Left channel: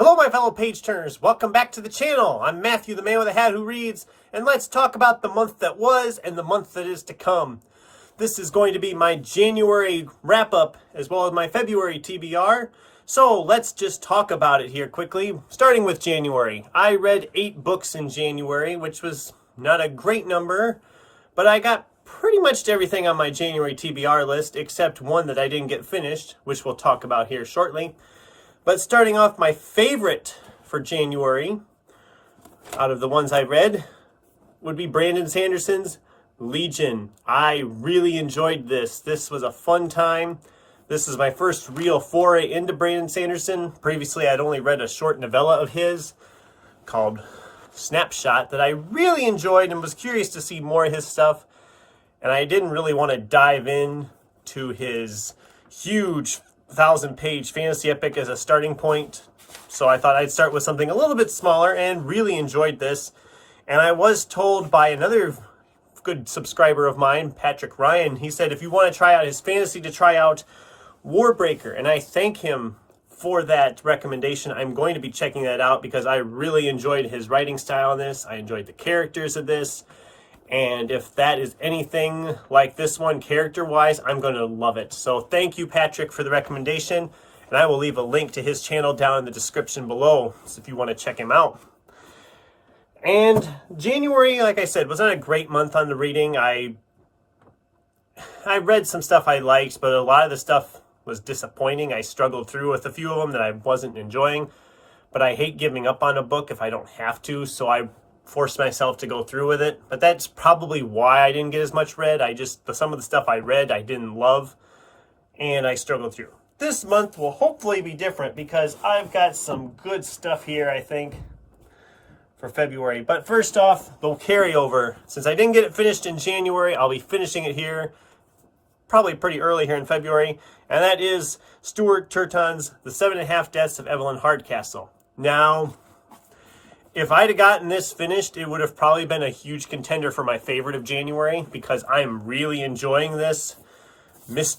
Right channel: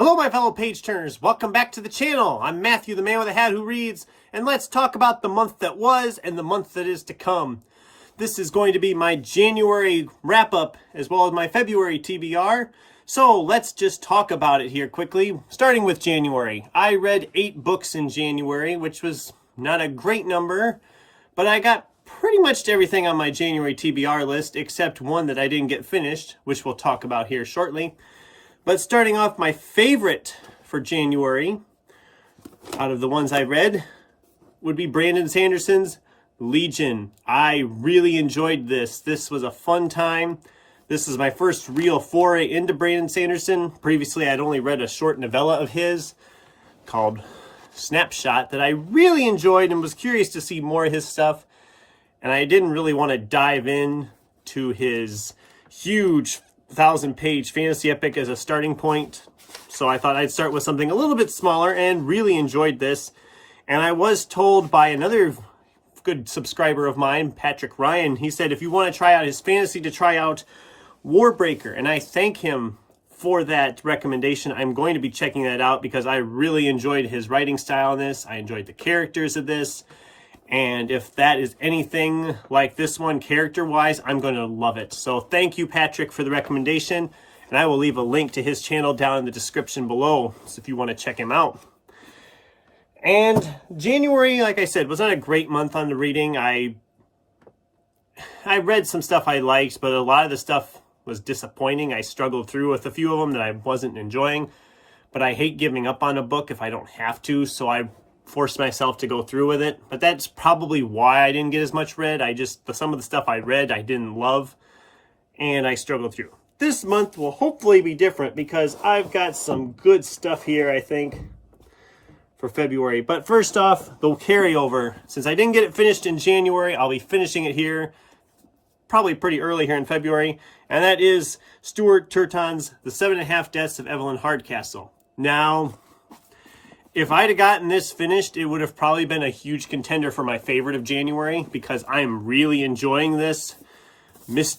Hello, my fellow page turners. Welcome back to the channel. I'm Matthew, the man with a hat who reads, and let's talk about the month that was and the month that is to come. This is going to be my January wrap-up as well as my February TBR. So let's just talk about it here quickly. Starting with January. I read 8 books in January, which was not a great number, but I got pretty much everything on my January TBR list except one that I didn't get finished, which we'll talk about here shortly. But starting off, my favorite for January, out of the ones I read, would be Brandon Sanderson's Legion. I really enjoyed this. This was a fun time. This is my first real foray into Brandon Sanderson. Previously, I'd only read a short novella of his called Snapshot that I really enjoyed and was curious to see more of his stuff. And I didn't really want to dive in to his huge 1,000-page fantasy epic as a starting point. So I thought I'd start with something a little bit smaller and really enjoyed this. And I was told by another good subscriber of mine, Patrick Ryan, he said if you want to try out his fantasy, to try out Warbreaker. And I thank him for that recommendation. I'm going to be checking that out because I really enjoyed his writing style in this. I enjoyed the characters of this. And if that is anything like this one character-wise, I'm going to love it. So thank you, Patrick, for the recommendation. And I will leave a link to his channel down in the description below so if you want to check him out. And January, like I said, was not a great month on the reading. I read some stuff I liked, but a lot of the stuff was disappointing. I struggled through with a few of them that I wasn't enjoying. But I hate giving up on a book if I don't have to, so I forced myself to go through with it. But that's probably why I didn't get as much read. Some of the stuff I read I didn't love, and I struggled through. This month will hopefully be different because I've got some good stuff here, I think, for February. But first off, the carryover. Since I didn't get it finished in January, I'll be finishing it here probably pretty early here in February, and that is Stuart Turton's The 7.5 Deaths of Evelyn Hardcastle. Now, if I'd have gotten this finished, it would have probably been a huge contender for my favorite of January because I'm really enjoying this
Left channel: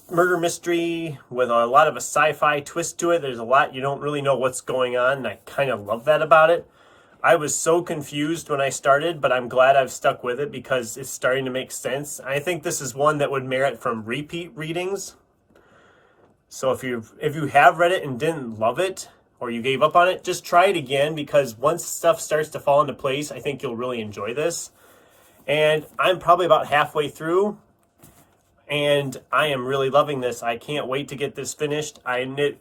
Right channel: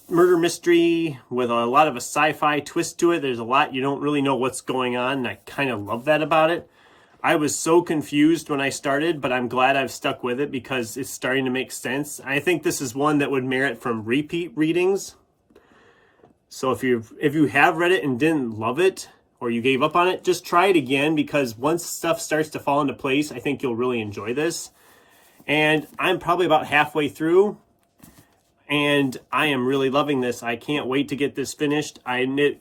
murder mystery with a lot of a sci-fi twist to it. There's a lot you don't really know what's going on, and I kind of love that about it. I was so confused when I started, but I'm glad I've stuck with it because it's starting to make sense. I think this is one that would merit from repeat readings. So if you have read it and didn't love it, or you gave up on it, just try it again because once stuff starts to fall into place, I think you'll really enjoy this. And I'm probably about halfway through, and I am really loving this. I can't wait to get this finished. It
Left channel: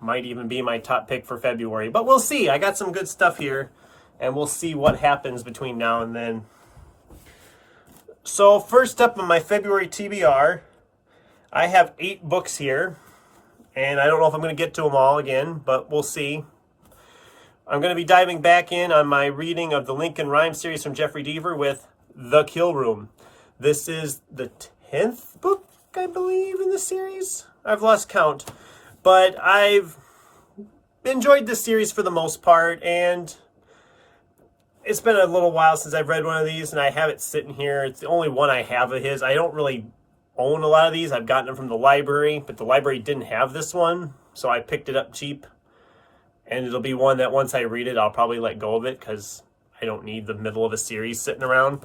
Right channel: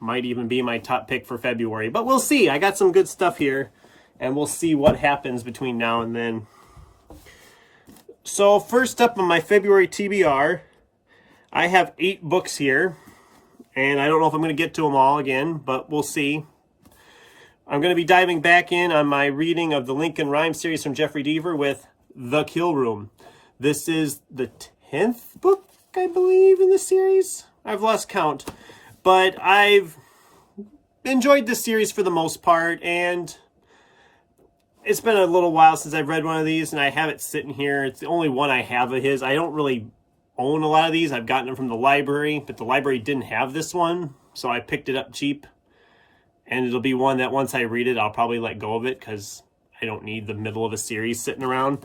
might even be my top pick for February, but we'll see. I got some good stuff here, and we'll see what happens between now and then. So first up on my February TBR, I have 8 books here. And I don't know if I'm going to get to them all again, but we'll see. I'm going to be diving back in on my reading of the Lincoln Rhyme series from Jeffrey Deaver with The Kill Room. This is the 10th book, I believe, in the series. I've lost count. But I've enjoyed this series for the most part, and it's been a little while since I've read one of these, and I have it sitting here. It's the only one I have of his. I don't really own a lot of these. I've gotten them from the library, but the library didn't have this one, so I picked it up cheap. And it'll be one that once I read it, I'll probably let go of it because I don't need the middle of a series sitting around.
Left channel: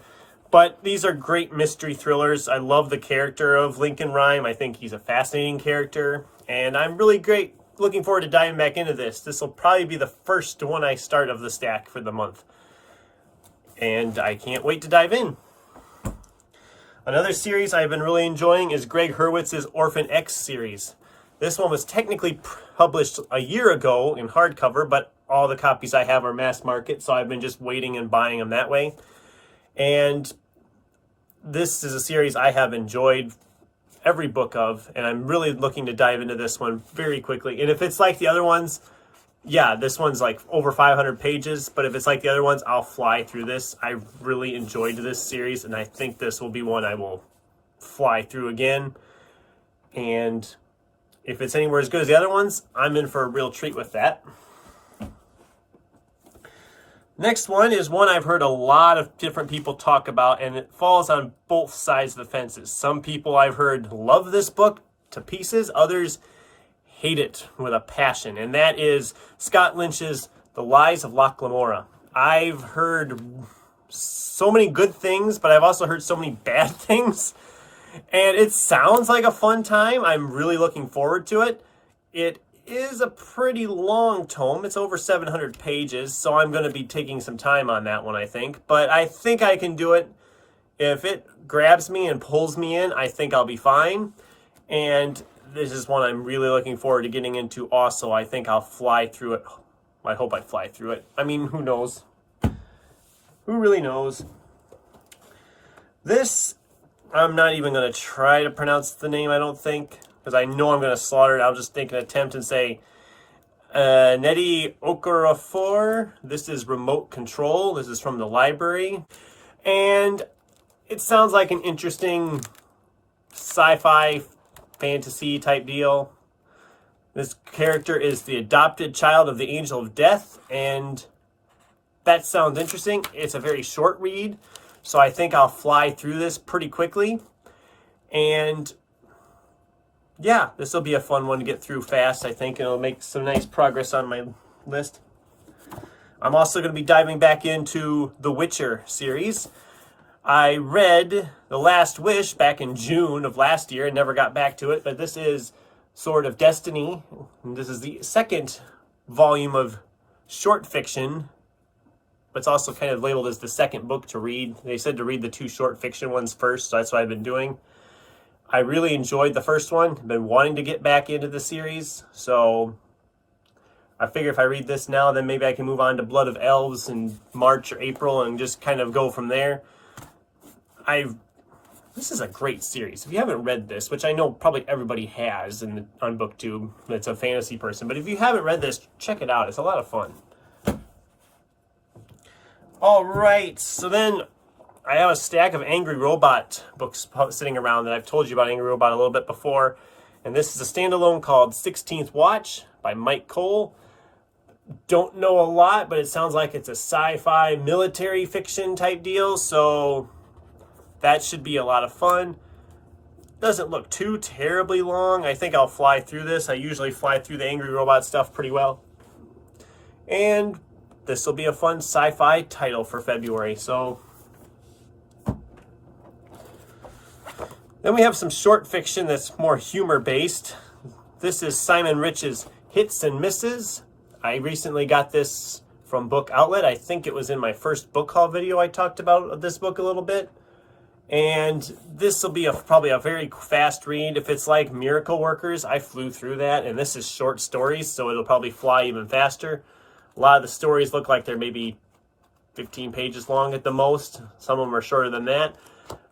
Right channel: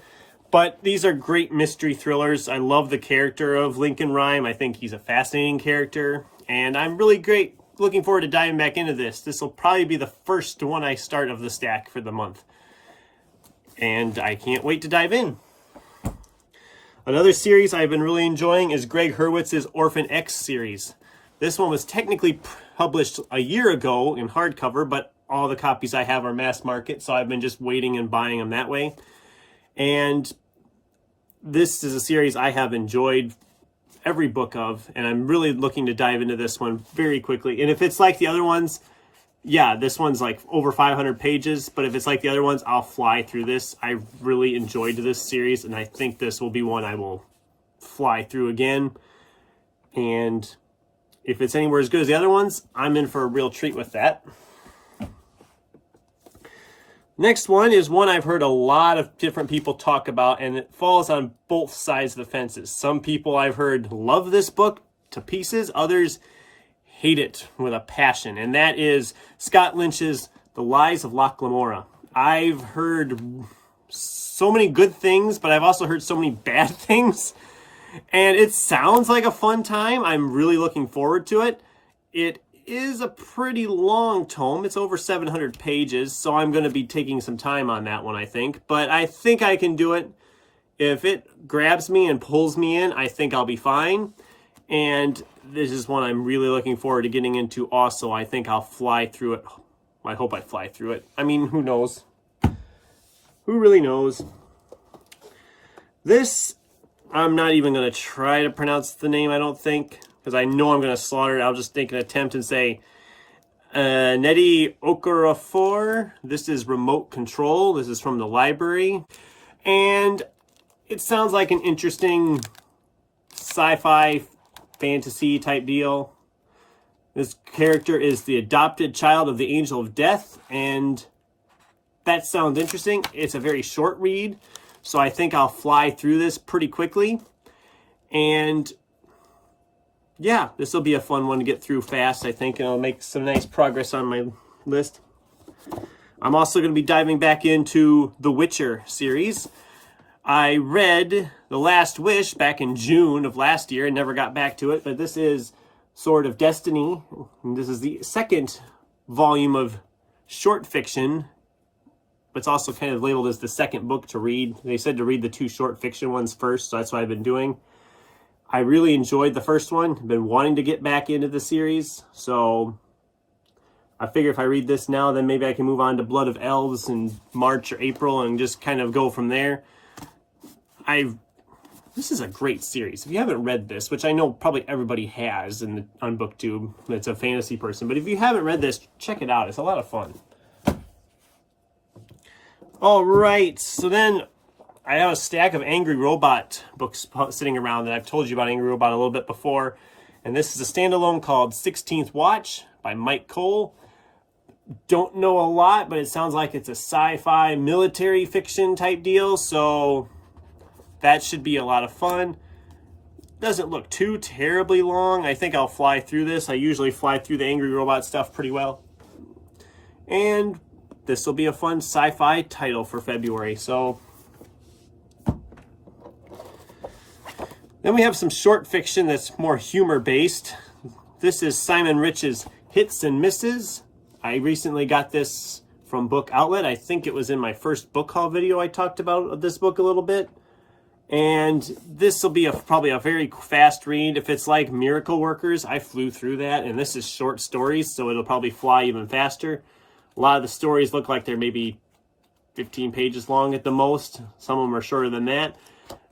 But these are great mystery thrillers. I love the character of Lincoln Rhyme. I think he's a fascinating character, and I'm really looking forward to diving back into this. This will probably be the first one I start of the stack for the month, and I can't wait to dive in. Another series I've been really enjoying is Greg Hurwitz's Orphan X series. This one was technically published a year ago in hardcover, but all the copies I have are mass market, so I've been just waiting and buying them that way. And this is a series I have enjoyed every book of, and I'm really looking to dive into this one very quickly. And if it's like the other ones, yeah, this one's like over 500 pages, but if it's like the other ones, I'll fly through this. I really enjoyed this series, and I think this will be one I will fly through again. And if it's anywhere as good as the other ones, I'm in for a real treat with that. Next one is one I've heard a lot of different people talk about, and it falls on both sides of the fences. Some people I've heard love this book to pieces, others hate it with a passion, and that is Scott Lynch's The Lies of Loch Lamora. I've heard so many good things, but I've also heard so many bad things, and it sounds like a fun time. I'm really looking forward to it. It is a pretty long tome. It's over 700 pages, so I'm going to be taking some time on that one, I think. But I think I can do it. If it grabs me and pulls me in, I think I'll be fine. And this is one I'm really looking forward to getting into also. I think I'll fly through it. I hope I fly through it. I mean, who knows? Who really knows? This, I'm not even going to try to pronounce the name, I don't think, because I know I'm going to slaughter it. I'll just take an attempt and say Nedi Okorafor. This is Remote Control. This is from the library. And it sounds like an interesting sci-fi fantasy type deal. This character is the adopted child of the Angel of Death, and that sounds interesting. It's a very short read, so I think I'll fly through this pretty quickly. And yeah, this will be a fun one to get through fast, I think, and it'll make some nice progress on my list. I'm also going to be diving back into the Witcher series. I read The Last Wish back in June of last year and never got back to it, but this is Sword of Destiny. And this is the second volume of short fiction, but it's also kind of labeled as the second book to read. They said to read the 2 short fiction ones first, so that's what I've been doing. I really enjoyed the first one. I've been wanting to get back into the series, so I figure if I read this now, then maybe I can move on to Blood of Elves in March or April and just kind of go from there. This is a great series. If you haven't read this, which I know probably everybody has on BookTube, that's a fantasy person, but if you haven't read this, check it out. It's a lot of fun. All right, so then I have a stack of Angry Robot books sitting around that I've told you about Angry Robot a little bit before. And this is a standalone called 16th Watch by Mike Cole. Don't know a lot, but it sounds like it's a sci-fi military fiction type deal, so that should be a lot of fun. Doesn't look too terribly long. I think I'll fly through this. I usually fly through the Angry Robot stuff pretty well. And this will be a fun sci-fi title for February, so then we have some short fiction that's more humor-based. This is Simon Rich's Hits and Misses. I recently got this from Book Outlet. I think it was in my first book haul video I talked about this book a little bit. And this will be probably a very fast read. If it's like Miracle Workers, I flew through that. And this is short stories, so it'll probably fly even faster. A lot of the stories look like they're maybe 15 pages long at the most. Some of them are shorter than that.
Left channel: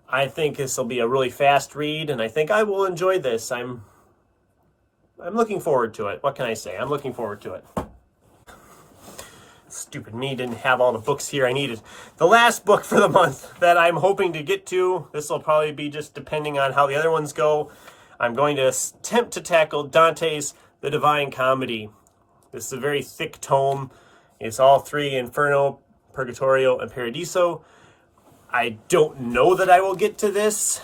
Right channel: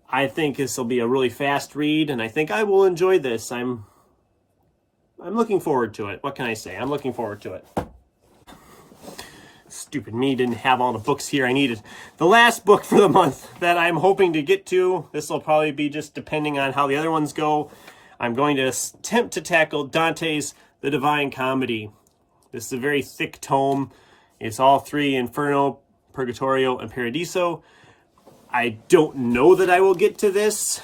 I think this will be a really fast read, and I think I will enjoy this. I'm looking forward to it. What can I say? I'm looking forward to it. Stupid me didn't have all the books here I needed. The last book for the month that I'm hoping to get to, this will probably be just depending on how the other ones go. I'm going to attempt to tackle Dante's The Divine Comedy. This is a very thick tome. It's all 3, Inferno, Purgatorio, and Paradiso. I don't know that I will get to this.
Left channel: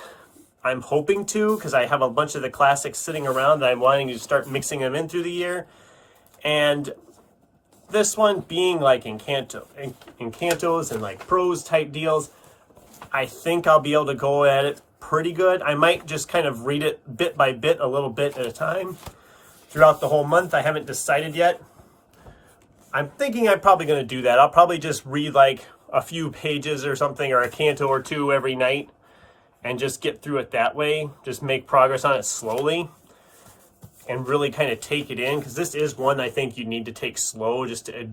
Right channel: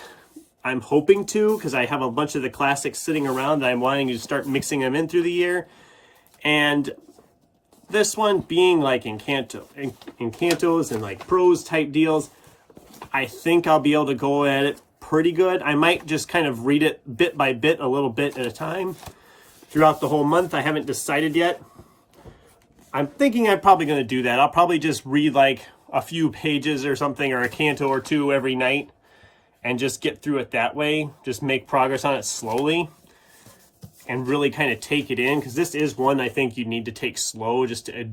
I'm hoping to, because I have a bunch of the classics sitting around that I'm wanting to start mixing them in through the year. And this one being like Encantos and like prose type deals, I think I'll be able to go at it pretty good. I might just kind of read it bit by bit, a little bit at a time throughout the whole month. I haven't decided yet. I'm thinking I'm probably going to do that. I'll probably just read like a few pages or something, or a canto or 2 every night, and just get through it that way. Just make progress on it slowly and really kind of take it in, because this is one I think you need to take slow just to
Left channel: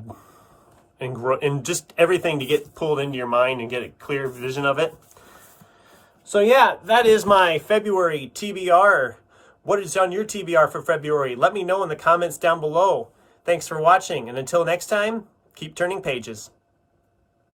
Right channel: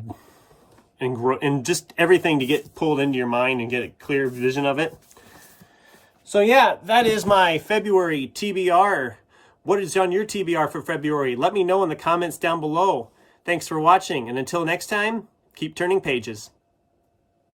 and grow, and just everything to get pulled into your mind and get a clear vision of it. So yeah, that is my February TBR. What is on your TBR for February? Let me know in the comments down below. Thanks for watching, and until next time, keep turning pages.